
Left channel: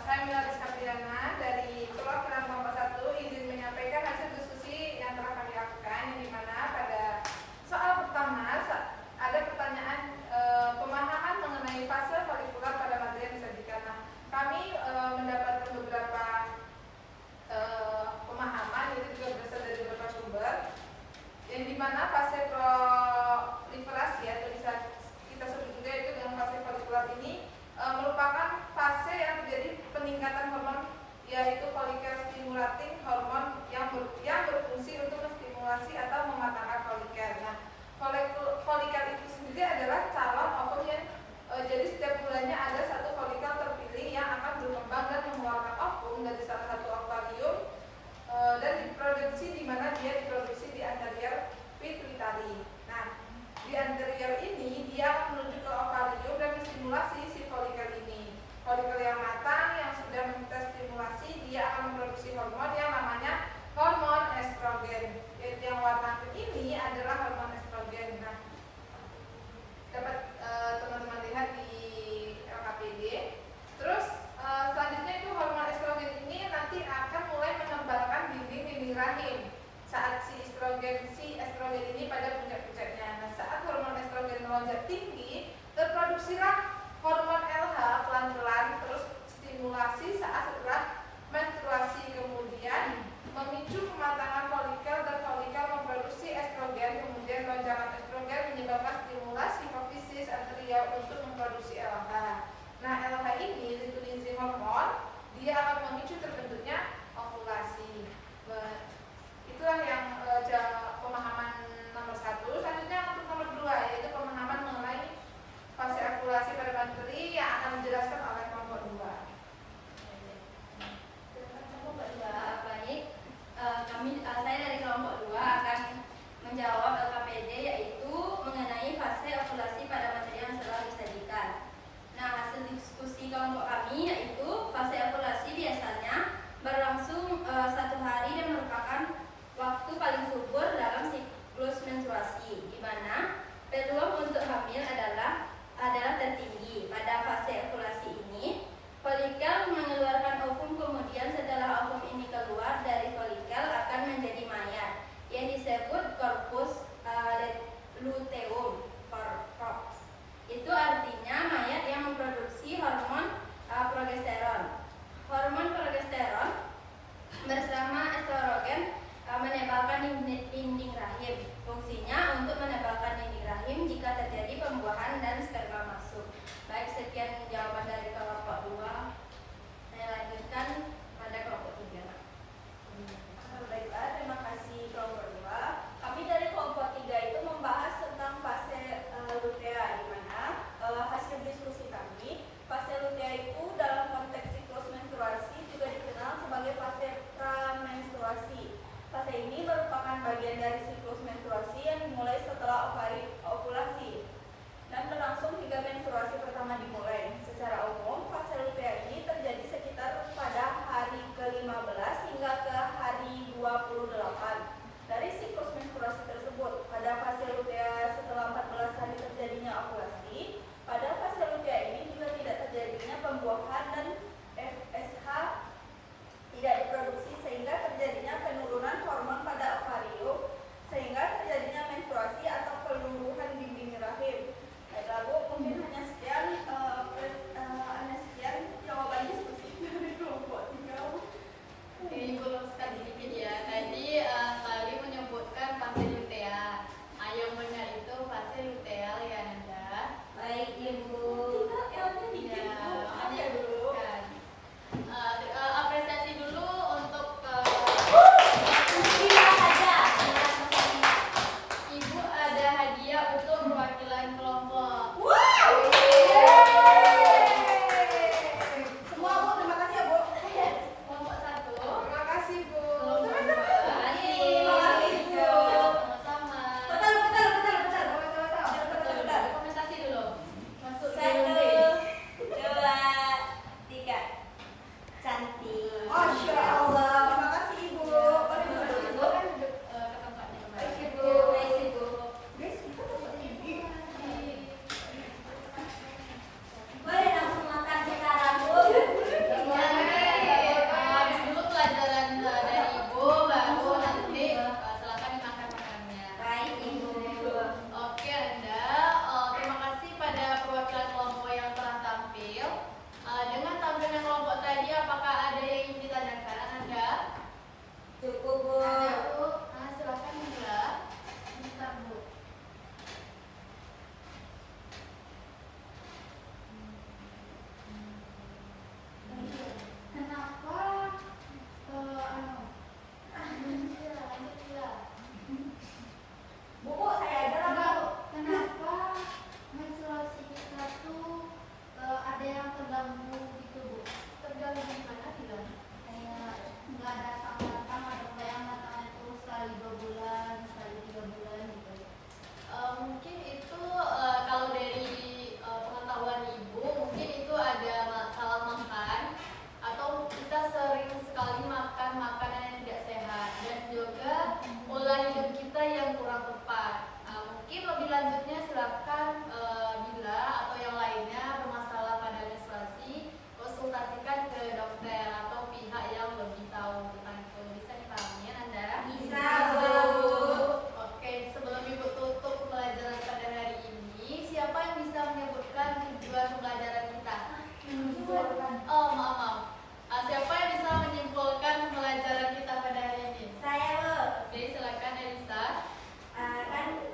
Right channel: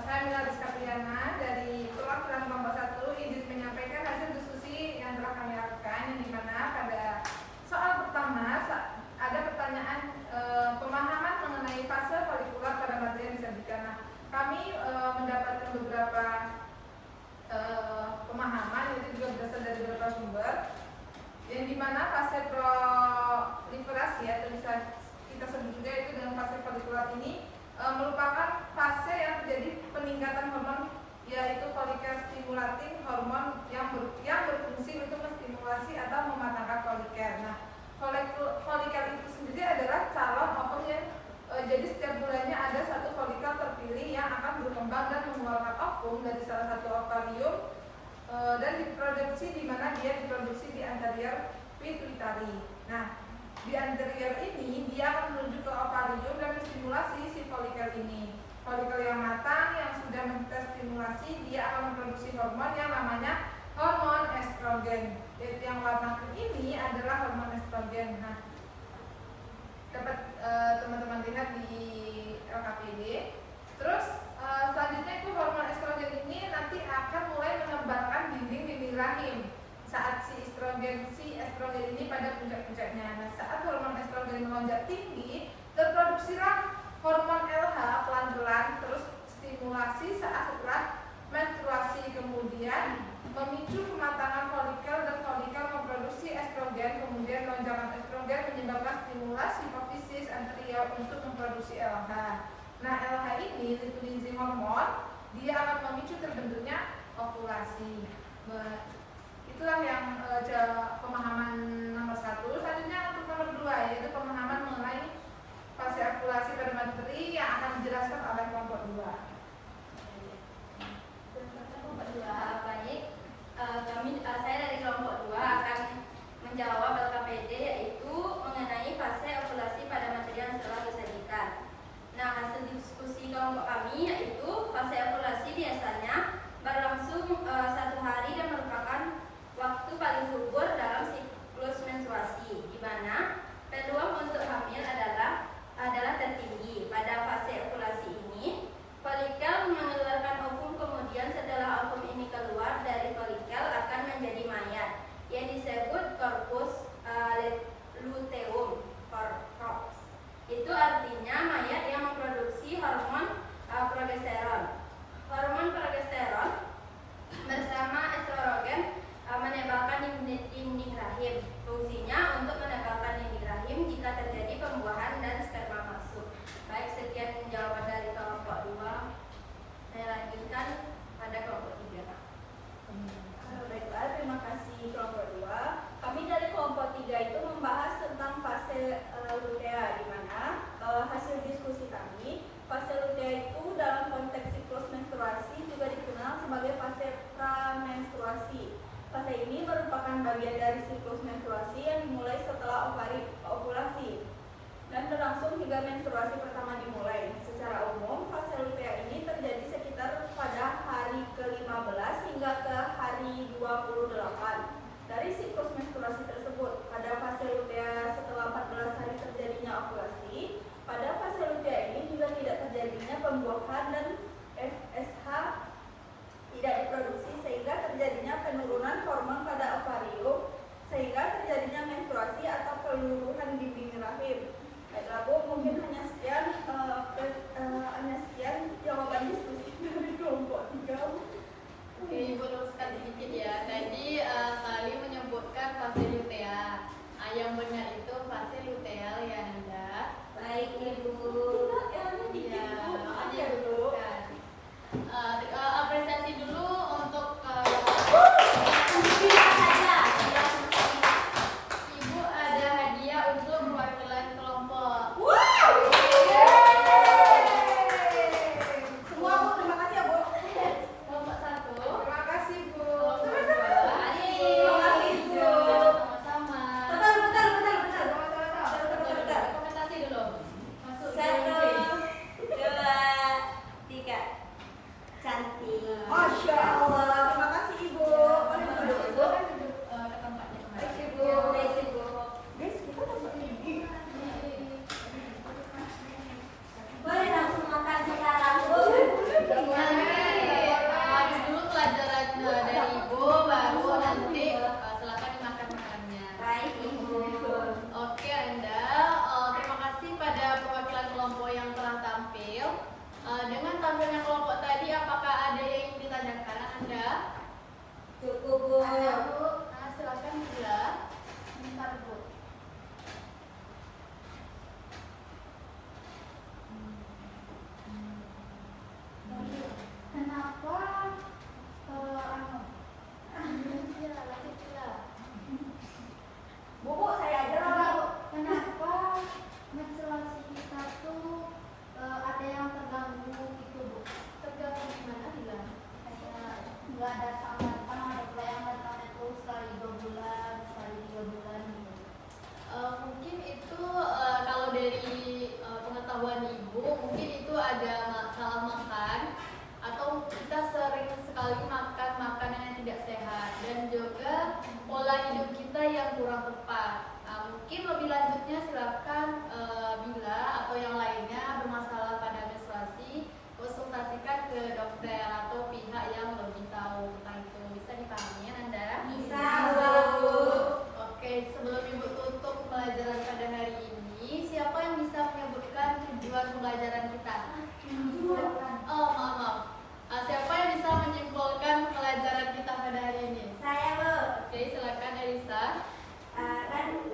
saya Mila Rizka Priana dari perwakilan kelompok 1 izin menyampaikan hasil diskusi yang telah kami lakukan, yang dimana pada soal pertama ada pertanyaan pemahaman mengenai fase folikular pada materi yang disajikan. Nah, kami mendapatkan beberapa pemahaman, itu juga berasal dari beberapa sumber, yang dimana fase proliferasi atau bisa kita sebut juga itu dengan fase folikular ini merupakan fase yang terjadi peningkatan hormon, yaitu folikel stimulating hormon yang berfungsi untuk menstimulasi atau mematangkan folikel. Nah, folikel itu sendiri adalah calon ovum yang jadi setiap bulannya ada satu folikel terpilih yang akan berkembang dan mengeluarkan ovum dari salah satu ovarium dan diproduksi, di mana dia diproduksi di anterior pituitary. Nah, di anterior ini dia akan menuju ke ovarium dan menstimulasi si folikel ini. Folikel yang matang yang sudah menstimulasi, dia akan memproduksi hormon yang namanya hormon estrogen. Yaitu yang warna ini adalah hormon estrogen. Nah, dapat teman-teman lihat di LKPD. Terus selanjutnya itu hormon estrogen ini nanti akan mulai mengembangkan dinding-dinding rahim saat si estrogen ini pada puncak-puncaknya. Nah, saat hormon estrogen melonjak tinggi, terproduksilah hormon LH pelan-pelan, terus stimulasi saat setelah menstruasi, kemudian memicu pematangan folikel dan folikel memproduksi estrogen, kemudian lonjakan estrogen menyebabkan stimulasi hipofisis anterior untuk memproduksi LH. Nah, LH ini luteinizing hormon, dia akan memicu terbentuknya ovulasi. Itulah yang pemahaman nomor 1. Selanjutnya untuk nomor 2, yaitu pemahaman mengenai fase ovulasi pada materi yang akan dijelaskan oleh kelompok 2. Saya dari kelompok 2 akan menjawab LKPD, yaitu mengenai fase ovulasi pada materi yang telah disajikan. Nah, hasil diskusi kelompok kami yaitu fase ovulasi biasanya berlangsung 1 hari dan merupakan waktu paling subur dalam siklus menstruasi, di mana berlangsung hingga menstruasi pertama dimulai. Secara umum, fase lutea ini terjadi sekitar pada hari ke-15 hingga ke hari 28 dari siklus menstruasi tersebut. Pada fase lutea setelah 14 hari terjadinya ovulasi, pada fase lutea ini juga tidak terjadinya pembuahan dan FSH tidak diproduksi sehingga terjadinya penurunan hormon pada ovarium sehingga terjadinya menstruasi atau keluruhan dinding rahim. Baiklah Bu, mungkin hanya sekian jawaban diskusi dari kelompok 3. Oke, Ibu luruskan sedikit ya. Tadi Sali menyebutkan fase lutea. Yang benar itu fase luteal ya Nanda. Baik Ibu. Ya, makanya luruskan. Apresiasi dulu untuk Ibu ada hadiah untuk perwakilan kelompok. Semua Bu, terima kasih ya Bu. Kelompok 1. Terima kasih Bu. Sama-sama. Komentasi dulu. Masuk dulu. 1, 2, 3. Cantik. Masya Allah, terima kasih Ibu. Ke tempatnya kembali. Baik Ibu. Baik Ibu. Guys, kita dapat ini. Boleh langsung makan sekarang Bu. Habis dulu pelajaran dari Ibu, baru nanti silakan dimakan makannya. Baik Ibu. Oke Anda, terima kasih pada perwakilan kelompok yang telah tampil. Dengan tampilnya kelompok tadi, apakah ada yang ingin ditanyakan Anda? Cukup Bu. Nah, silakan Bila. Bentar Bu. Kenapa? Lanjut Bila. Bu, saya aja lah Bu. Kenapa menstruasi kita tuh ada yang terganggu gitu Bu? Terganggu gimana Bila? Kayak nggak datang-datang, ada yang datang tuh sekali 2 bulan, sekali 3 bulan gitu. Mungkin itu kalau dari pengetahuan Ibu, mungkin itu ada salah makan atau kita sering sekali makan makanan yang tidak sehat dan juga pola hidup kita yang kurang tepat. Mungkin lebih lanjutnya silakan Bila atau yang lainnya bermasalah pada menstruasi konsultasikan ke dokter atau pihak yang lebih tahu tentang itu. Bisa dipahami ya Nanda? Bisa Bu. Oke, sebelum Ibu tutup pelajaran pada hari ini, siapa yang bisa menyebutkan tujuan pembelajaran kita? Oh, maaf. Siapa yang bisa menyimpulkan pelajaran kita pada hari ini? Saya Bu. Oke, silakan Elisa.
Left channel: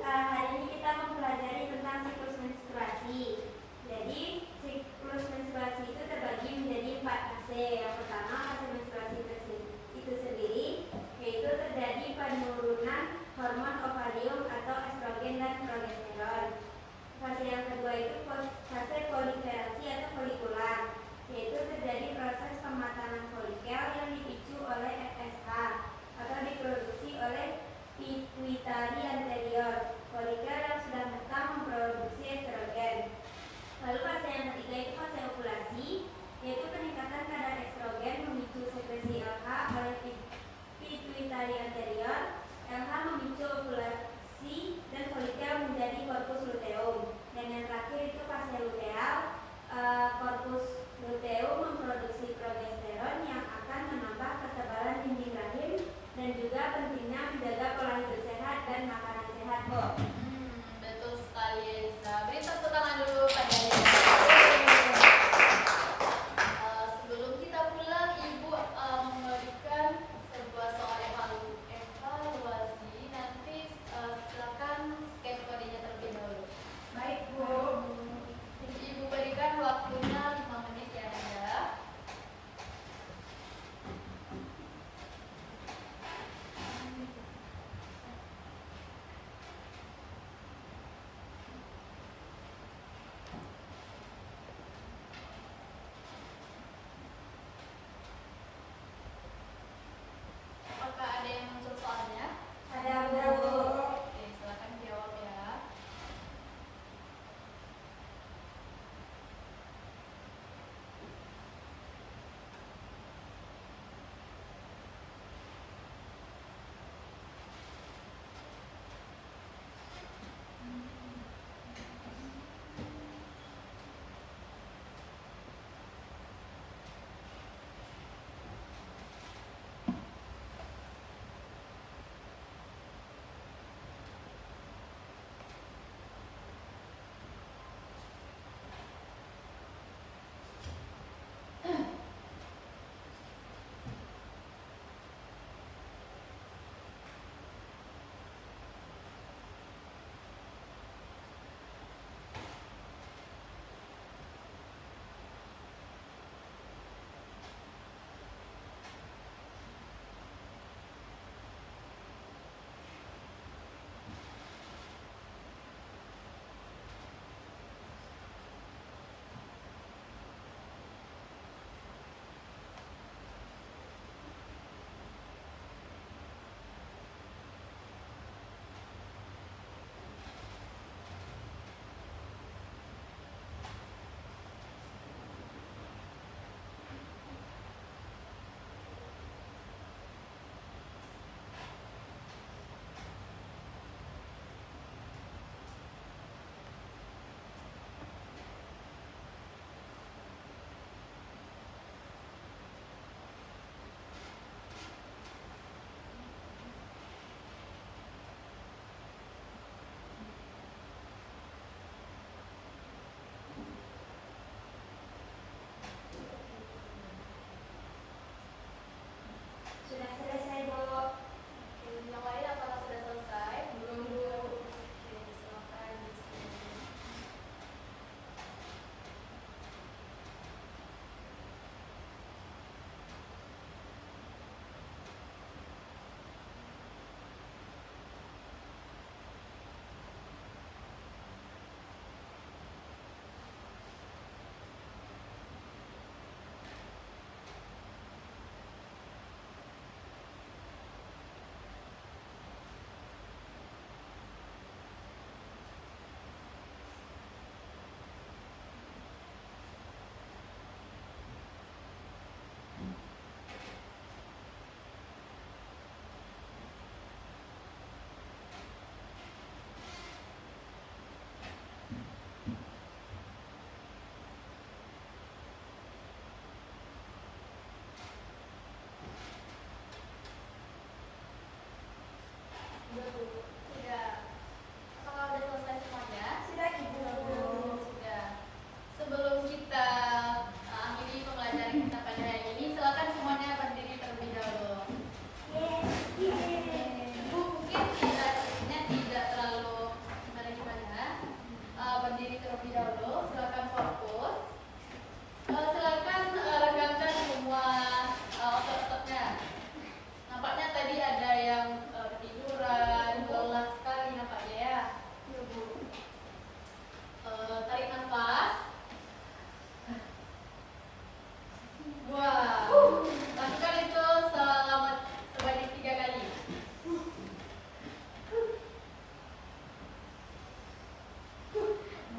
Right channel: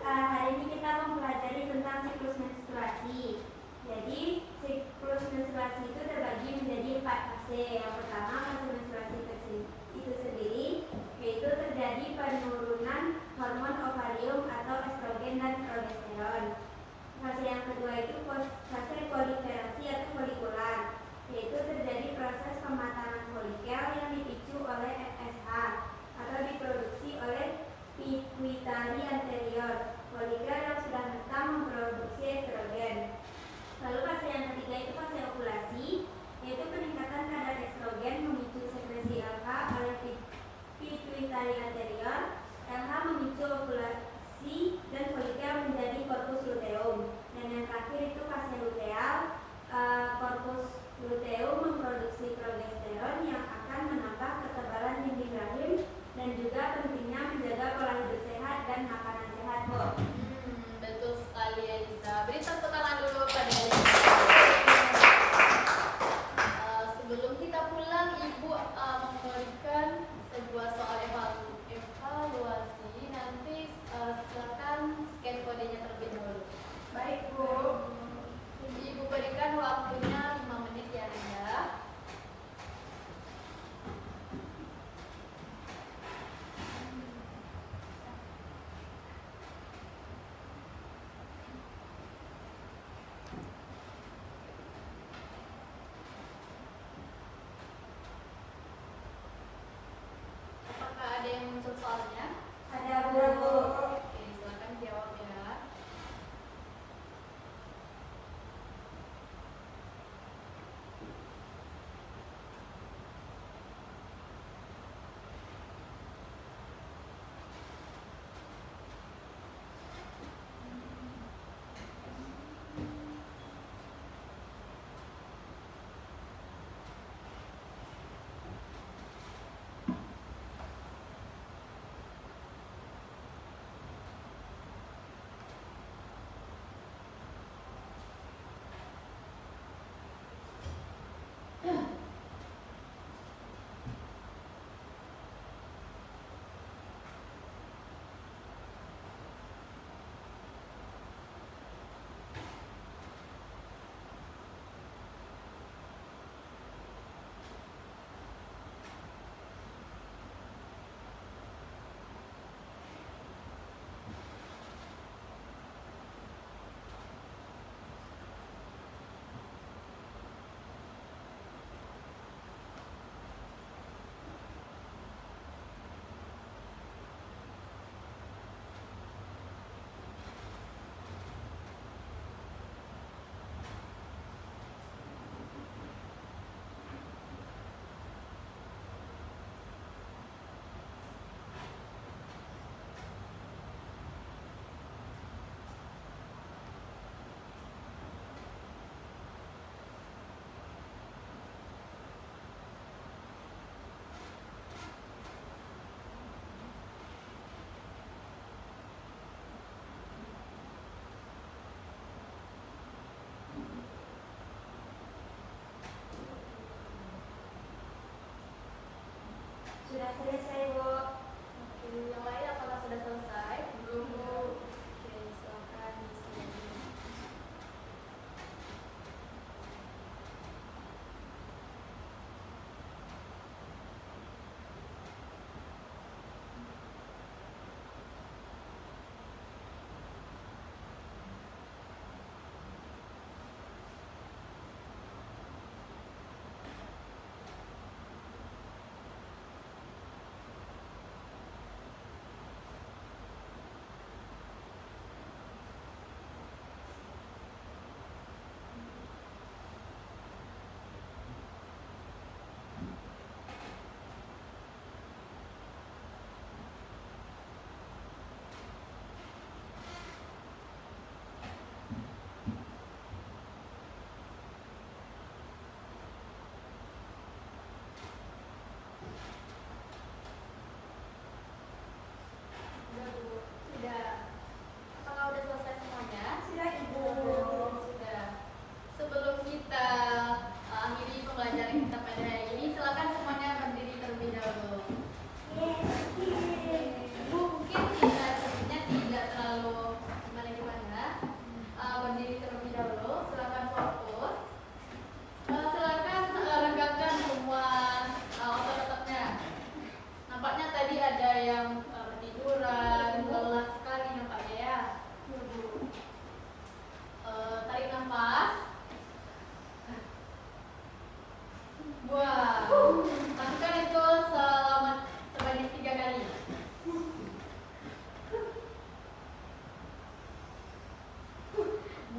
Hari ini kita mempelajari tentang siklus menstruasi. Jadi siklus menstruasi itu terbagi menjadi 4 fase. Yang pertama fase menstruasi itu sendiri, yaitu terjadi penurunan hormon ovarium atau estrogen dan progesteron. Fase yang kedua itu fase proliferasi atau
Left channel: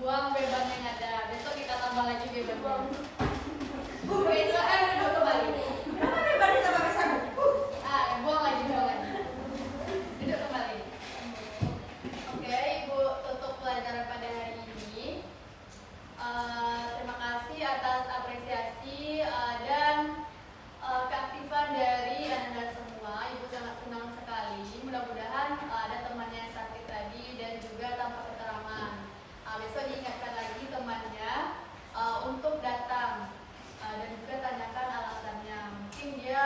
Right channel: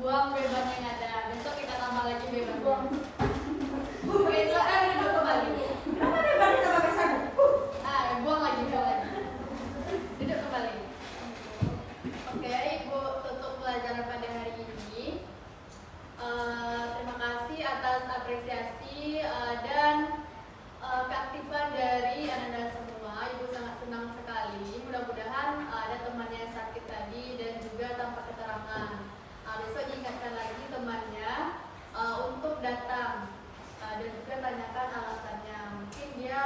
buang beban yang ada. Besok kita tambah lagi beban. Besok duduk kembali. Kenapa beban kita pakai sabun? Buang lagi. Duduk kembali. Oke, Ibu tutup pelajaran pada hari ini. Terima kasih atas apresiasi dan keaktifan dari anak-anak semua. Ibu sangat senang sekali. Mudah-mudahan ada temannya yang sakit tadi dan juga tanpa keterangan. Besok ingatkan lagi temannya untuk datang dan juga tanyakan alasannya. Mungkin dia